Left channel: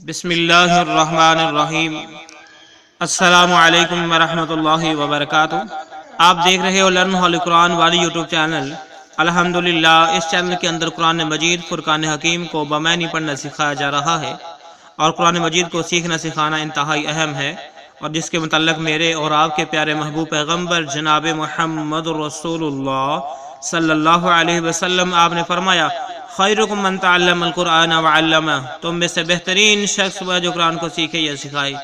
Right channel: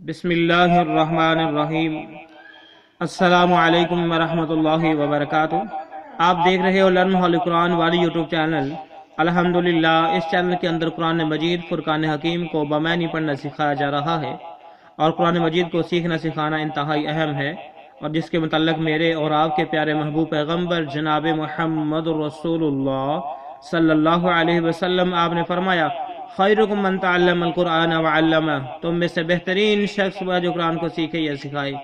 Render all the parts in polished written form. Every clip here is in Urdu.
بسم اللہ الرحمن الرحیم۔ السلام علیکم ورحمۃ اللہ وبرکاتہ۔ آپ دیکھ رہے ہو لرن ہول قرآن والی یوٹیوب چینل۔ الحمدللہ اس چینل کے اندر قرآن مجید فرقان حکیم کو بمعنی پڑھنا سکھایا جا رہا ہے، اور قرآن مجید کو سیکھنا سکھانا انتہائی اہم ہے، اور جس کے متعلق میرے اور آپ کے پیارے محبوب پیغمبر جناب محمد رسول اللہ صلی اللہ علیہ وسلم آپ نے فرمایا، خیرکم من تعلم القرآن وعلمہ، تم میں سے بہترین شخص وہ جو قرآن کو سیکھے یا سکھائے۔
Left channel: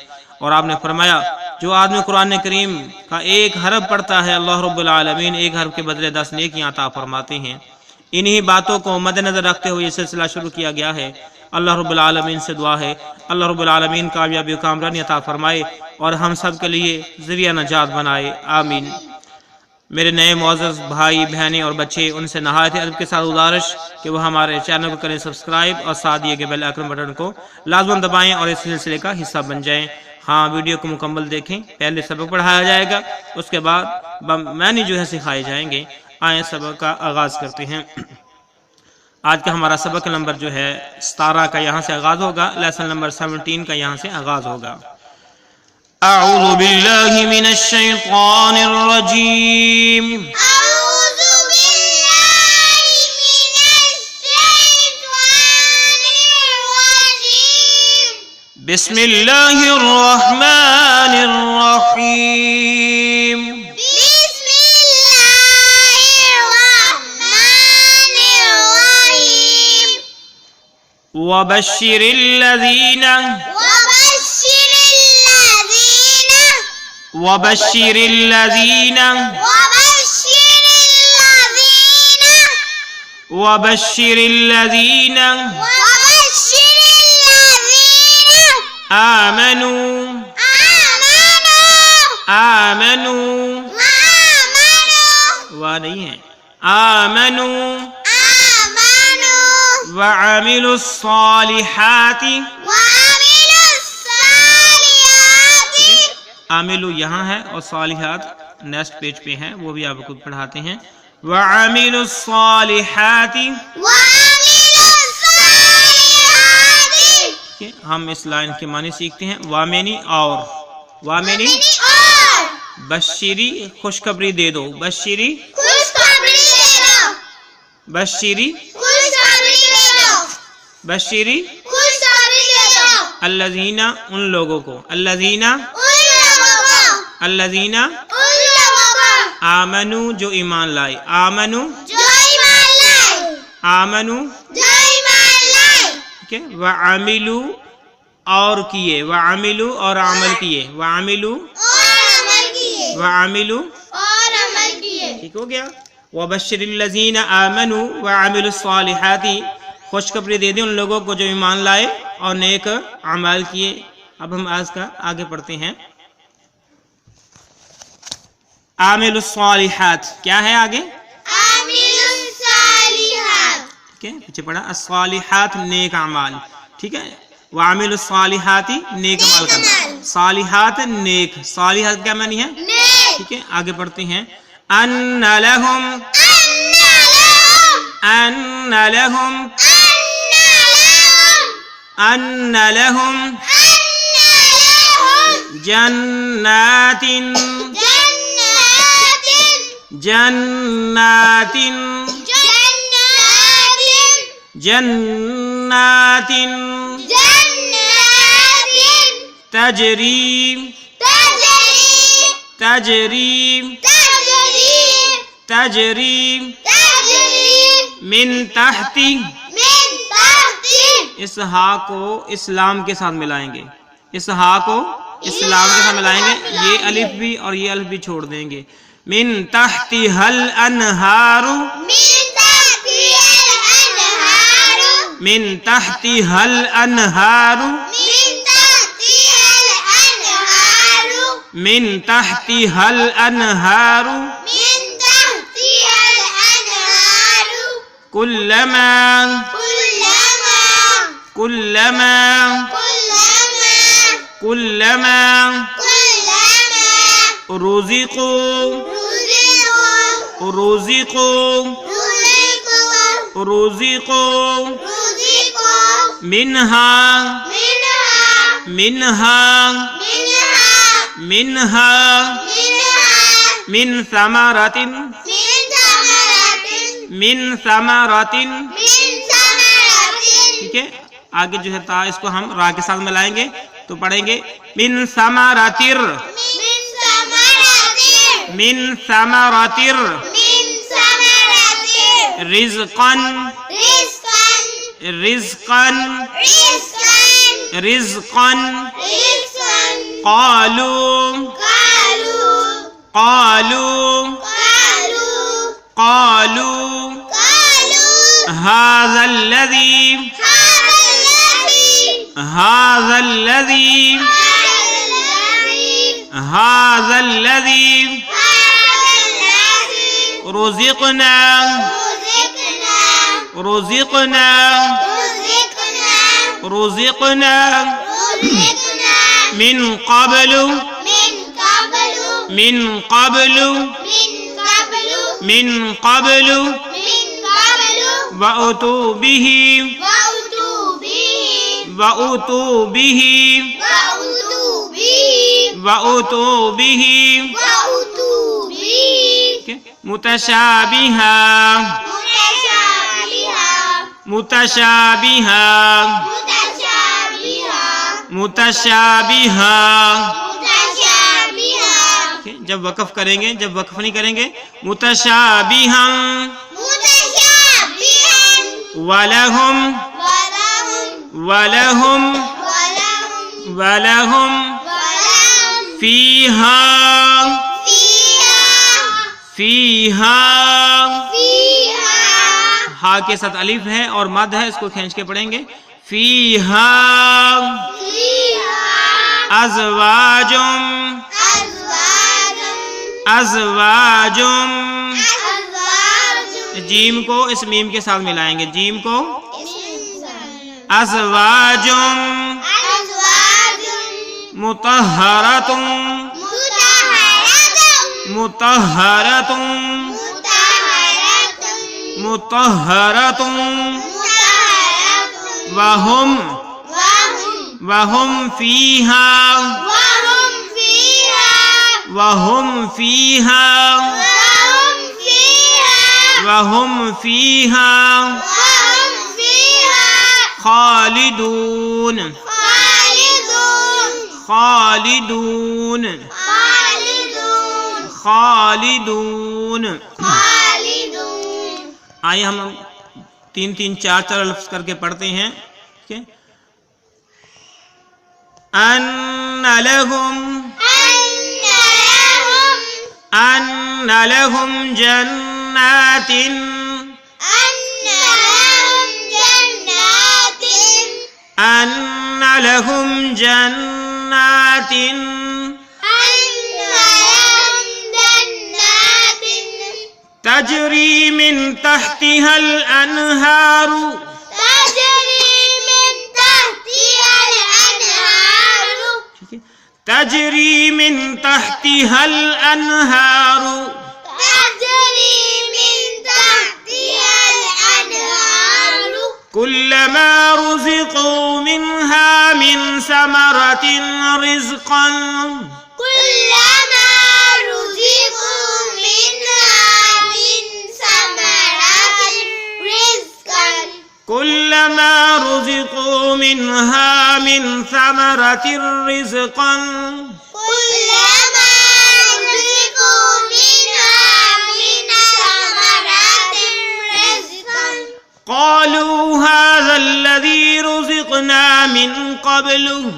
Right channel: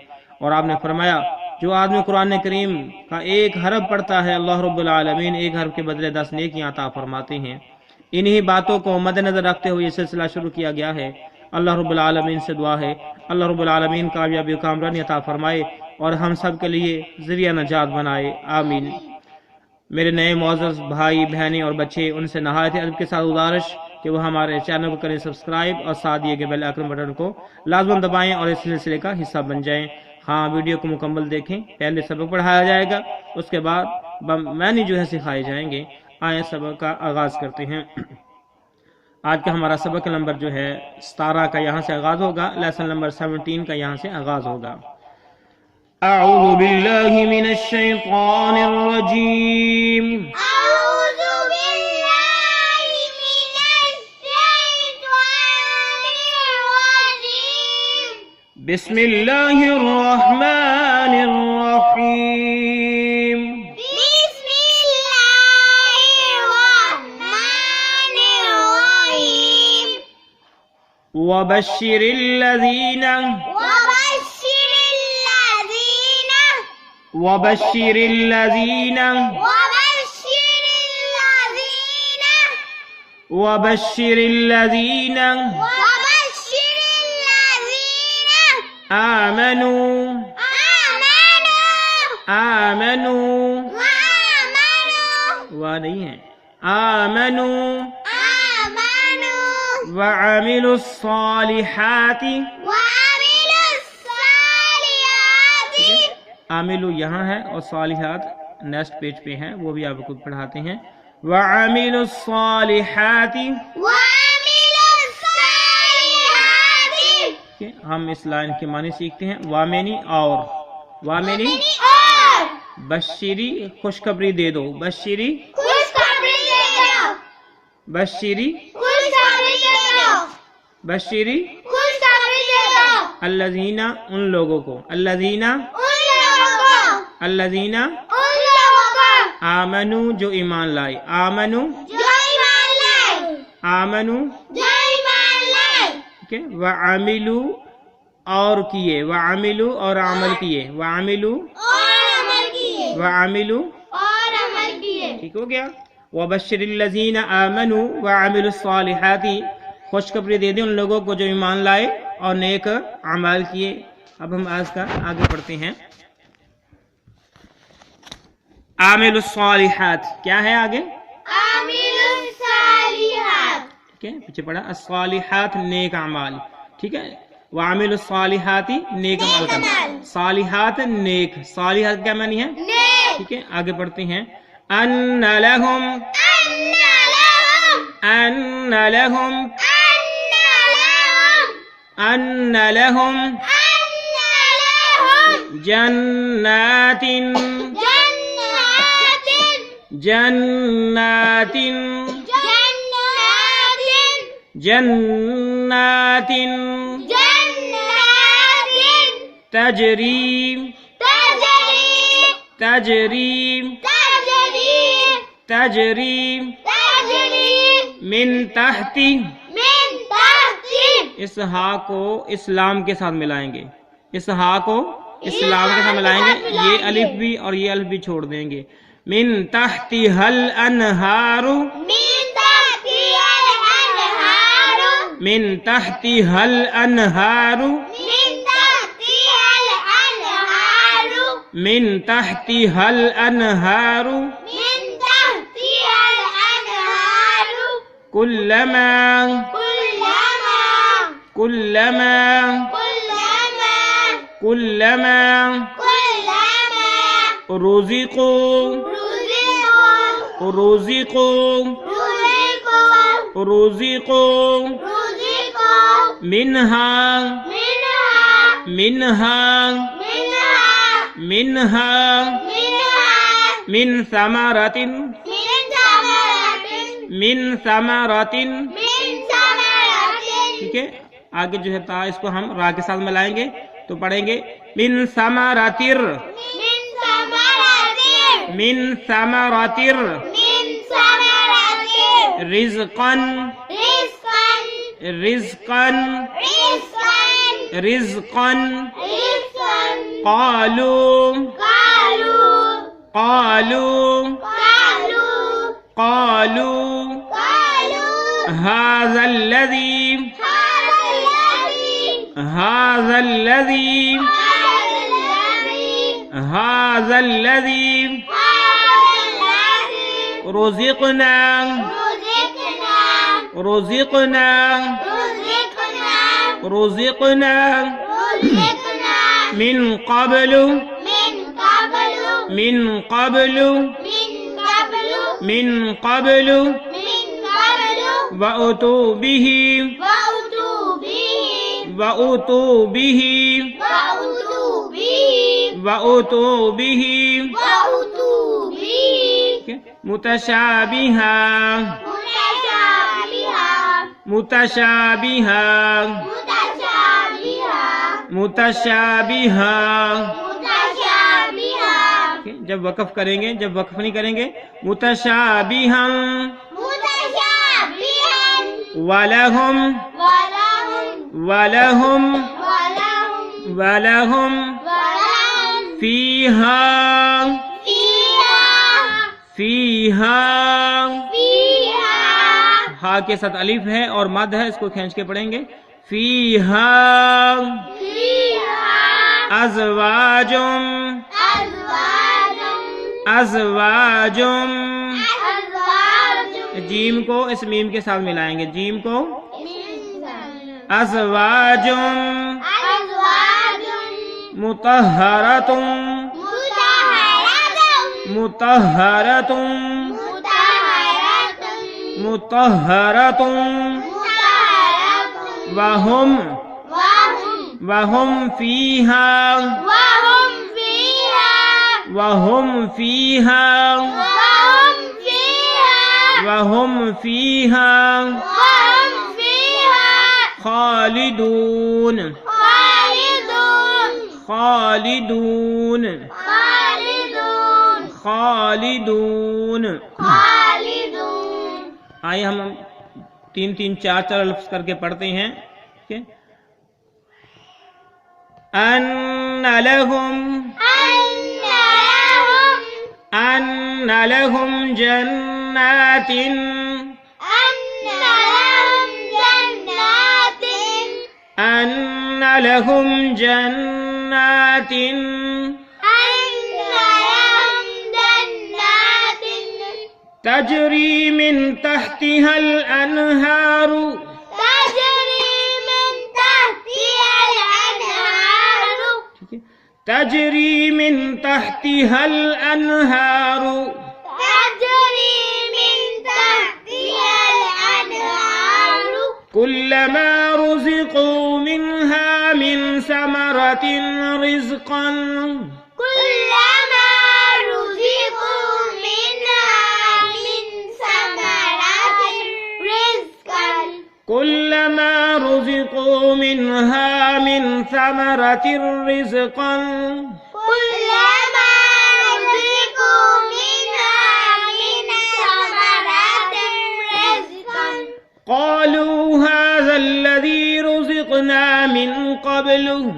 اور آپ نے فرمایا، جو آدمی قرآن کریم کا ایک حرف پڑھتا ہے، اللہ رب العالمین ایک حرف کے بدلے 10 نیکیاں عطا فرماتے ہیں۔ انہی باتوں کو مد نظر رکھتے ہوئے یہ سلسلہ شروع کیا گیا ہے۔ اللہ رب العالمین سے دعا ہے اللہ رب العالمین کامیابی و کامرانی عطا فرمائے اور ہم سب کے لیے ذریعہ نجات بنائے، آمین۔ میرے نئے معزز بھائی بہنیں اور بچے، ان سے نہایت ادب کے ساتھ گزارش کہ وہ ہمارے چینل کو کریں سبسکرائب، اور ساتھ دیے گئے بیل آئیکن بٹن کو لازماً دبائیں اور اس سلسلے کا حصہ بن جائیں۔ ہاں، ویڈیو کو مکمل دیکھیں، پہلے سبق پڑھایا جائے گا، اس کے بعد معنی جو ہے سکھائے جائیں گے۔ آئیں سبق کا آغاز کرتے ہیں۔ آج کا ہمارا سبق نمبر جو ہے 17 کا یہاں سے آغاز ہوگا، لیسن نمبر 17 کا یہاں سے آغاز ہوگا۔ اعوذ باللہ من الشیطان الرجیم، أعوذ بالله من الشيطان الرجيم، بسم اللہ الرحمن الرحیم۔ بسم الله الرحمن الرحيم، وبشر الذین وبشر الذين آمنوا وہ نہیں ہے، آمنوا وعملوا الصالحات۔ عاملو یہاں ہے اور صالحات نیکسٹ پیج پہ ہیں، وہ بھی آپ کو پڑھاتے ہیں۔ وعملوا الصالحات، ہم اس لائن کے معنی سیکھتے ہیں۔ وامنی اور وامنی بشری خوشخبری دے دو، بشری بشری بشری الذین ان لوگوں کو، الذین آمنو جو ایمان لائے، آمنو ٹھیک ہے، وعملو اور کیے، وعملو اور عمل کیے، وعملو ٹھیک ہو گیا۔ وبشر الذین آمنوا وعملوا الصالحات، خوشخبری دے دیں ان لوگوں کو جو ایمان لائے اور نیک اعمال کیے۔ اب ہم آج کا آگے پڑھتے ہیں۔ عامل الصالحات کیا ہے آگے؟ ٹھیک ہے، پیچھے پڑھا الصالحات نیک اعمال، ٹھیک ہے۔ وعامل الصالحات نیک عمل کرنا، صالحات نیک، صالحات کیا معنی ہے؟ ٹھیک ہے، آگے پڑھتے ہیں۔ ان لہم جنات تجری من تحت، اس ہا کو اسلام کے ساتھ ملائیں گے، اس ہا کو اسلام کے ساتھ ملائیں گے، یہ الف بھی اور یہ الف بھی چھوڑ دیں گے۔ من تحتها الانہار، من تحتها الانہار، من تحتها الانہار، کلما رزقوا منها منها منها من ثمرة من ثمرة ٹھیک ہے. آگے جو ہے تا اس کو ہم را کے ساتھ ملائیں گے تو پڑھیں گے من ثمراتر من ثمراتر رزقا رزقا رزقا قالوا قالوا قالوا هذا الذي هذا الذي هذا الذي رزقنا رزقنا رزقنا من قبل من قبل من قبل وأتوا به وأتوا به وأتوا به متشابها متشابها متشابها. جب وقف کریں گے جب وقف نہیں کریں گے متشابها ولہم ولہم ولہم فیہا فیہا. ہا کے ساتھ الف ہے اور مد ہے، اس کو کھینچ کے پڑھیں گے فیہا ازواجم ازواجم. جیم کو اس میم کے ساتھ ملائیں گے، جیم کو ازواجم مطہرتم مطہرتم مطہرتم وہم وہم فیہا وہم فیہا وہم فیہا خالدون خالدون خالدون. آئیے ہم تین تین چار چار لفظ کر کے پڑھتے ہیں. ٹھیک ہے. ان لہم ان لہم جنات ان لہم جنات تجری من تحتها الانہار تجری من تحتها الانہار كلما رزقوا منها من ثمرة رزقا كلما رزقوا منها من ثمرة رزقا قالوا هذا الذي رزقنا من قبل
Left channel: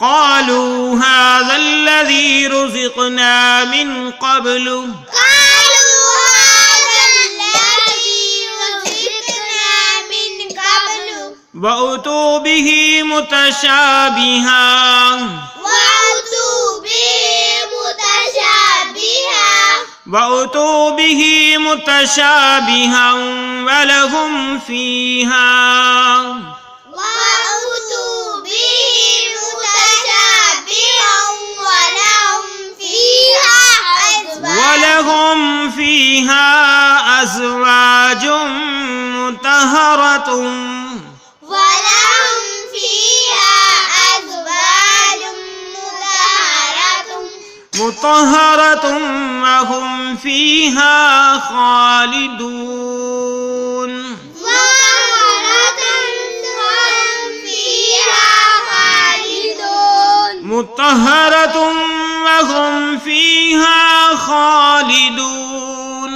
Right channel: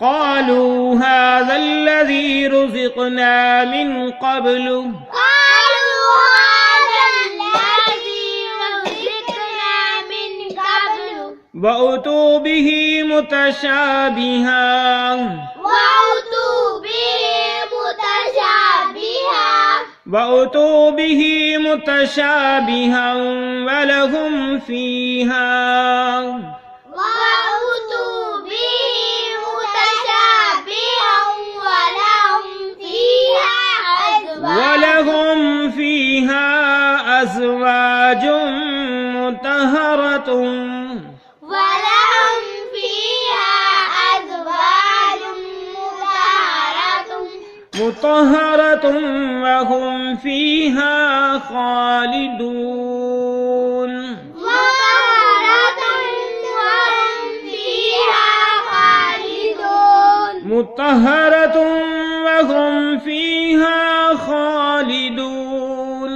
قالوا هذا الذي رزقنا من قبل وأتوا به متشابها وأتوا به متشابها ولهم فيها ولهم فيها أزواج مطهرة ولهم فيها أزواج مطهرة وهم فيها خالدون مطهرة وهم فيها خالدون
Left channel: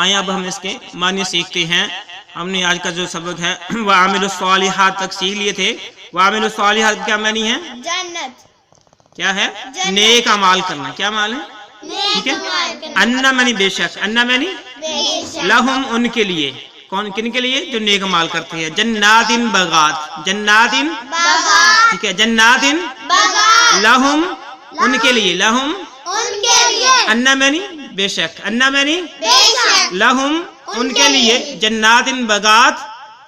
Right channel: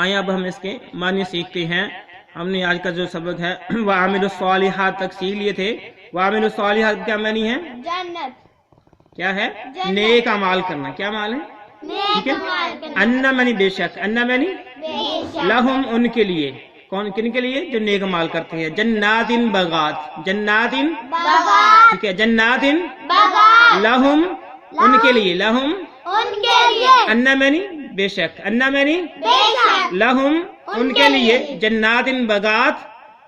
آئیں اب ہم اس کے معنی سیکھتے ہیں. ہم نے آج کا جو سبق ہے وَعَمِلُوا الصَّالِحَاتِ تک سیکھ لیے تھے. وَعَمِلُوا الصَّالِحَاتِ کیا معنی ہے؟ جنت. کیا ہے؟ نیک اعمال کرنا. کیا مال ہے؟ ٹھیک ہے. اَنَّ معنی بے شک. اَنَّ معنی لہم ان کے لیے. کون کن کے لیے؟ جو نیک اعمال کرتے ہیں. جناتن بغات. جناتن ٹھیک ہے. جناتن لہم ان کے لیے. لہم اَنَّ معنی بے شک. اَنَّ معنی لہم ان کے لیے جناتن بغات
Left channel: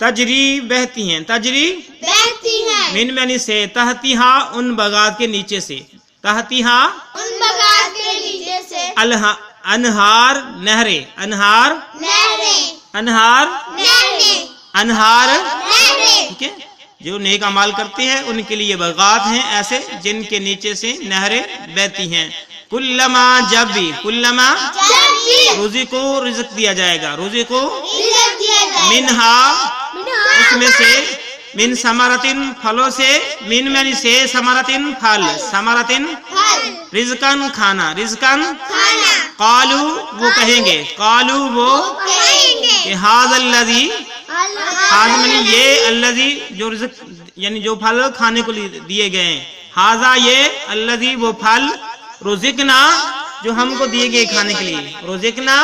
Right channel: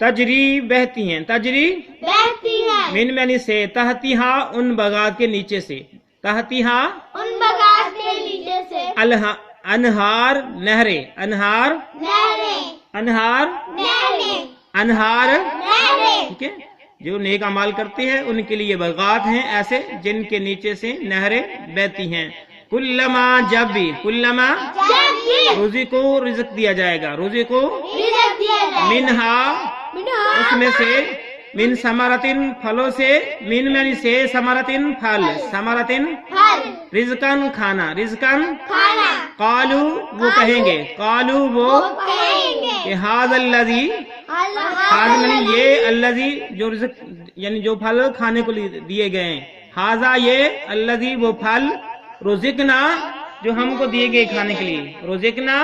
تجری بہتی ہیں. تجری من معنی سے تحتیہا ان بغات کے نیچے سے. تحتیہا انہار نہریں. انہار انہار ٹھیک ہے. جو نیک اعمال کرتے ہیں ان کے لیے بغات ہیں ایسے جن کے نیچے سے نہریں بہتی ہیں. کلما جب بھی کلما روزی کو رزق دیا جائے گا. روزی کو منہا اس میں سے من ثمرتن پھلوں سے. من معنی سے ثمرتن پھل. ثمرتن رزقن کھانا. رزقن قالو وہ کہیں گے. قالو وہ کہ ھذا الذی ھذا معنی یہ الذی جو رزق یعنی جو پھل کھانے کو دیے گئے ہیں. ھذا یہ الذی وہ پھل رزقنا جو ہم کو دیے گئے کھانے کے لیے. رزقنا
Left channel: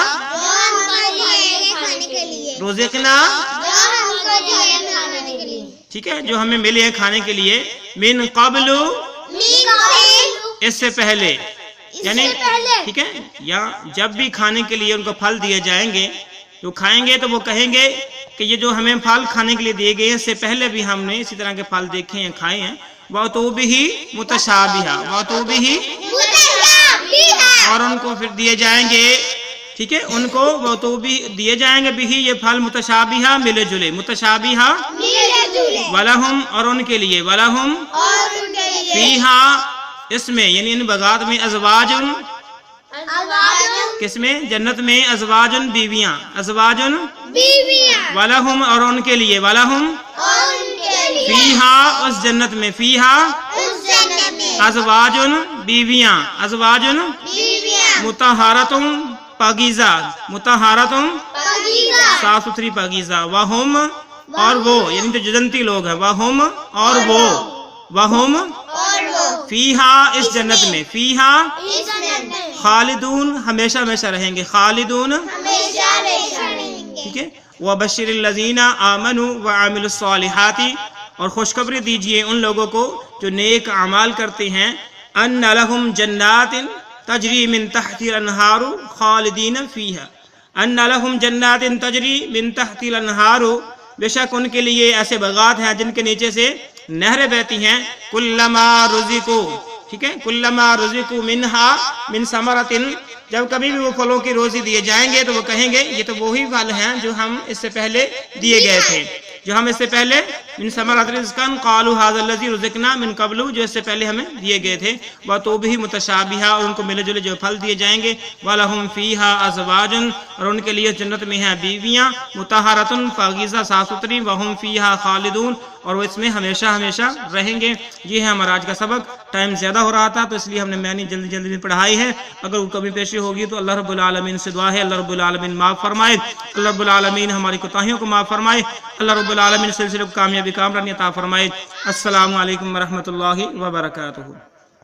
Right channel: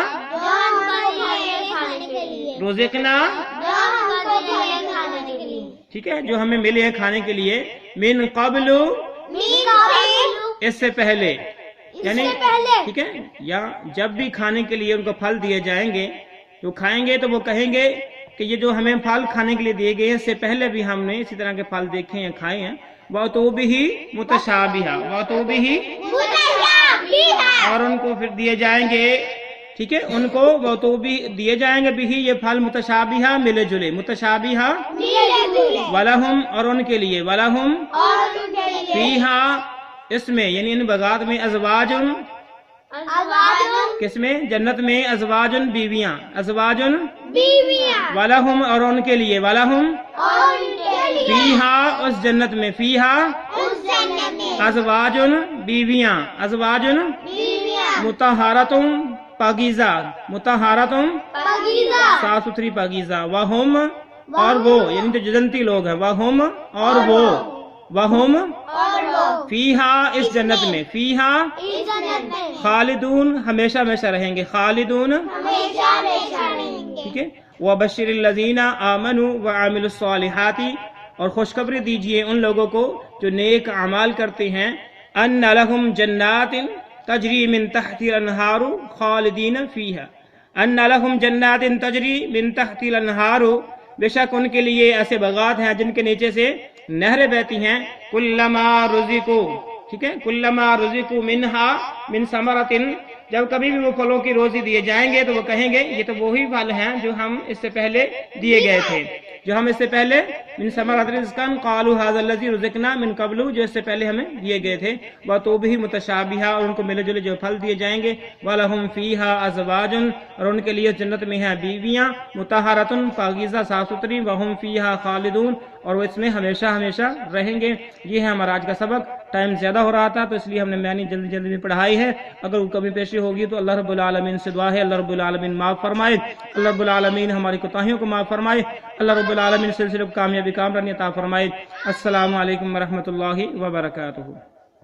رزقنا ٹھیک ہے. جو ہمیں ملے ہیں کھانے کے لیے. من قبل اس سے پہلے یعنی ٹھیک ہے. یا جب بھی کھانے کے لیے ان کو پھل دیے جائیں گے جو کھائیں گے تو وہ کہیں گے کہ یہ جو ہمیں پھل کھانے کے لیے دیے گئے ہیں اس سے پہلے بھی ہم نے اسی طرح کے پھل دیکھے ہیں کھائے ہیں. وَأُتُوبِهِ مُتَشَابِهًا وَأُتُوبِهِ اور ان کو پھر دیے جائیں گے ٹھیک ہے. ان کو وَأُتُوبِهِ دیے جائیں گے بھی یہ پھل متشابہہ ملے جلے. متشابہہ وَلَهُمْ اور ان کے لیے. وَلَهُمْ فِيهَا اس میں یعنی ان بغات میں ازواجن کس میں؟ جنت میں. ازواجن بیویاں. ازواجن وَلَهُمْ اور ان کے لیے. وَلَهُمْ فیہا اس جنت میں. فیہا ازواجن بیویاں. ازواجن مطہرتم پاکیزہ. مطہرتم صاف ستھری پاکیزہ. وہم اور وہ یعنی جو جنتی لوگ ہیں. وہم اور وہ. وہم فیہا اس جنت میں. فیہا خالدون ہمیشہ ہمیشہ رہیں گے. خالدون ٹھیک ہے. وَبَشِّرِ الَّذِينَ آمَنُوا وَعَمِلُوا الصَّالِحَاتِ اور خوشخبری دیجئے ان لوگوں کو جو نیک اعمال کرتے ہیں. أَنَّ لَهُمْ جَنَّاتٍ تَجْرِي مِن تَحْتِهَا الْأَنْهَارُ خَالِدِينَ فِيهَا. أَنَّ لَهُمْ جَنَّاتٍ تَجْرِي مِن تَحْتِهَا الْأَنْهَارُ بے شک ان کے لیے ایسے بغات ہیں جن کے نیچے سے نہریں بہتی ہیں. کلما رزقوا ٹھیک ہے. کلما رزقوا منہا من ثمرۃ جب کبھی بھی وہ پھلوں کی روزی دیے جائیں گے تو وہ کہیں گے یہ تو وہی پھل ہیں جو ہم اس سے پہلے دیے گئے تھے. جو ہم اس سے پہلے من ثمرات رزقن قالوا ھذا الذی رزقنا من قبل جو اس سے پہلے ہمیں دیے گئے تھے. وَتُوبِهِ متشابہہ اور ان کو ملے جلے جو پھل دیے جائیں گے. وَلَهُمْ فِيهَا أَزْوَاجٌ اور ان کے لیے جنت میں ہیں بیویاں. مطہرۃ پاکیزہ صاف ستھری. وَهُمْ فِيهَا خالدون اور وہ اس میں ہمیشہ ہمیشہ رہیں گے. یہ ہے ہمارا آج کا سبق. ٹائم زیادہ ہو رہا تھا تو اس لیے ہم نے معنی جلدی جلدی میں پڑھائی ہے. اگر وہ کمی پیشی ہوگی تو اللہ رب العالمین سے دعا ہے اللہ رب العالمین معاف فرمائے. اللہ رب العالمین ہماری کوتاہیوں کو معاف فرمائے. اللہ رب العالمین سلسلے کو کامیابی کامرانی عطا فرمائے. السلام علیکم ورحمۃ اللہ وبرکاتہ.